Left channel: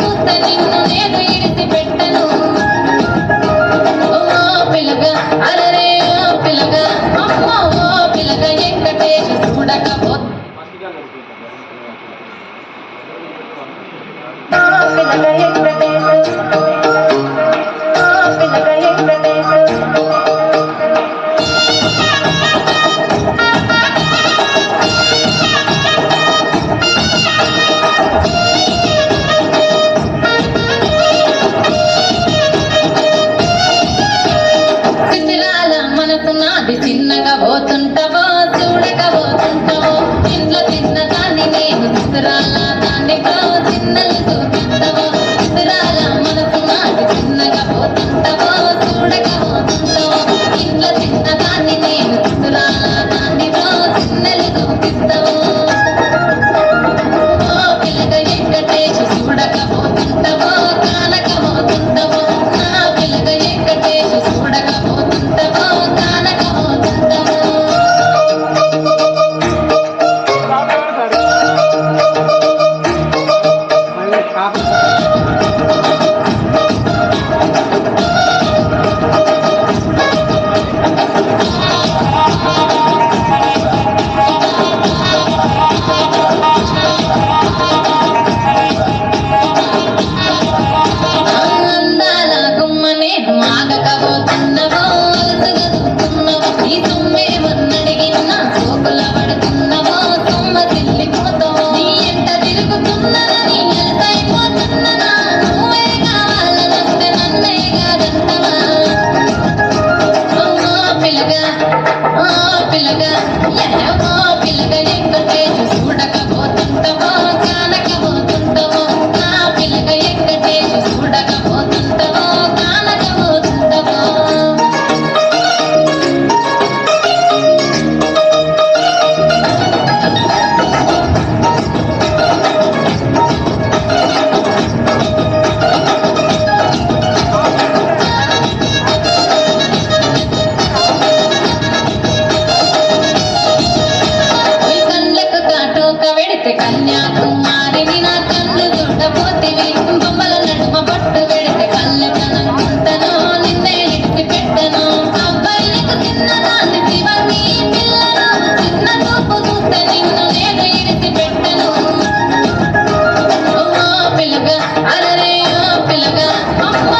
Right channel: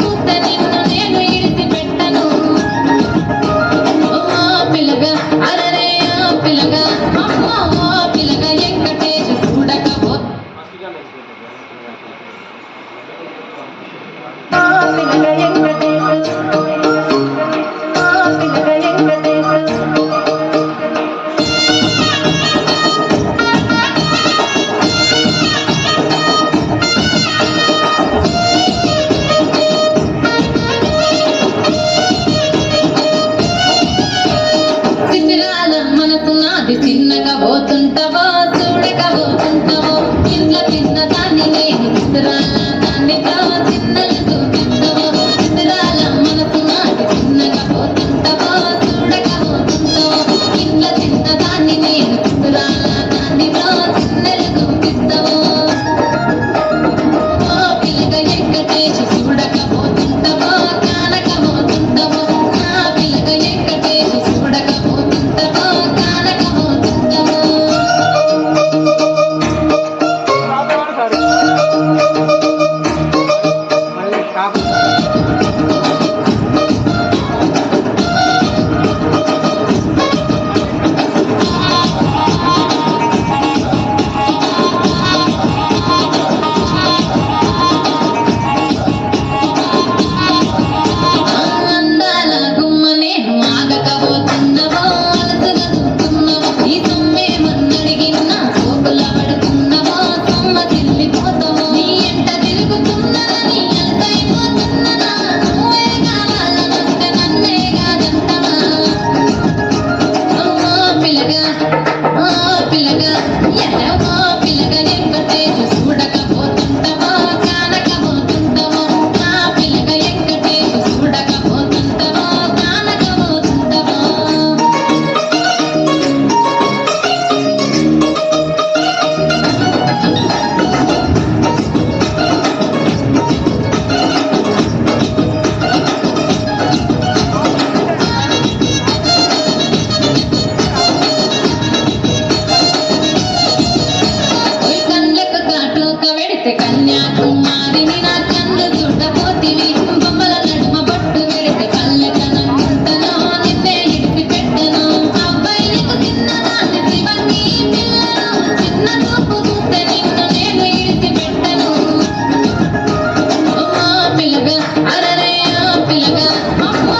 చూస్తే నిన్ను నేను ఇడిచి పెట్టను పిల్లగా అరరే పిల్లగా అమ్మ పిల్లగా వెంకటేశ చూడకపో నాది చిన్నగా పోతుంటావో చూడకపోతుంటావో చిన్న చిన్న దాన్ని నేను చిత్రాల దానితో చిన్నలు చూపిస్తావో చిత్రాల మనసు నాది చిన్నగా పోతుంటావో చూడకపోతుంటావో చిన్న చిన్న దాన్ని నేను చిత్రాల దానితో చిన్నలు చూపిస్తావో పిల్లగా వెంకటేశ చూడకపోతుంటావో కానకపోతుంటావో నా పిల్లగా వెంకటేశ చూడకపోతుంటావో మళ్ళీ కాపు అందాల గుమ్మ నేను ఆగకపోతున్నవో అలసగా చూస్తున్నవో ఈ సొమ్మే మన్నడిగిన సోకుల పడుతున్నవో సొమ్మ తిల్లిపోతావో నీ ఎంట తిరుగుతున్నదని అలసైపోతున్ననా నువ్వే కావాలనొస్తే నన్నే కాదంటావా పిల్లగా పిల్లగా పిల్లగా వెంకటేశ చూడకపోతుంటావో కానకపోతుంటావో నా పిల్లగా వెంకటేశ చూడకపోతుంటావో కానకపోతుంటావో ఈ కళ్ళకు కాటుక పెడితే కన్యాకుమారిని నా కళ్ళు చూడపోతివి బొమ్మల నడుమ బొట్టు పెడితే కళ్ళకనంతను నిన్నే ఇడిచి పెట్టను అబ్బాయిలకు చిన్నదాన్ని శివకి పిల్లలు చిన్న చూపు చూస్తే నిన్ను నేను ఇడిచి పెట్టను పిల్లగా అరరే పిల్లగా అమ్మ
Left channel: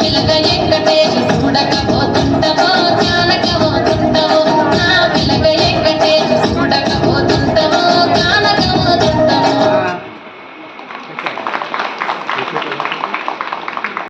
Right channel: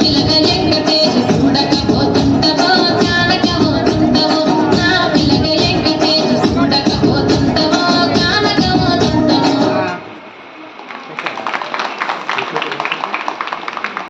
పిల్లగా వెంకటేశ చూడకపోతుంటావో కానకపోతుంటావో నా పిల్లగా వెంకటేశ చూడకపోతుంటావో కానకపోతుంటావో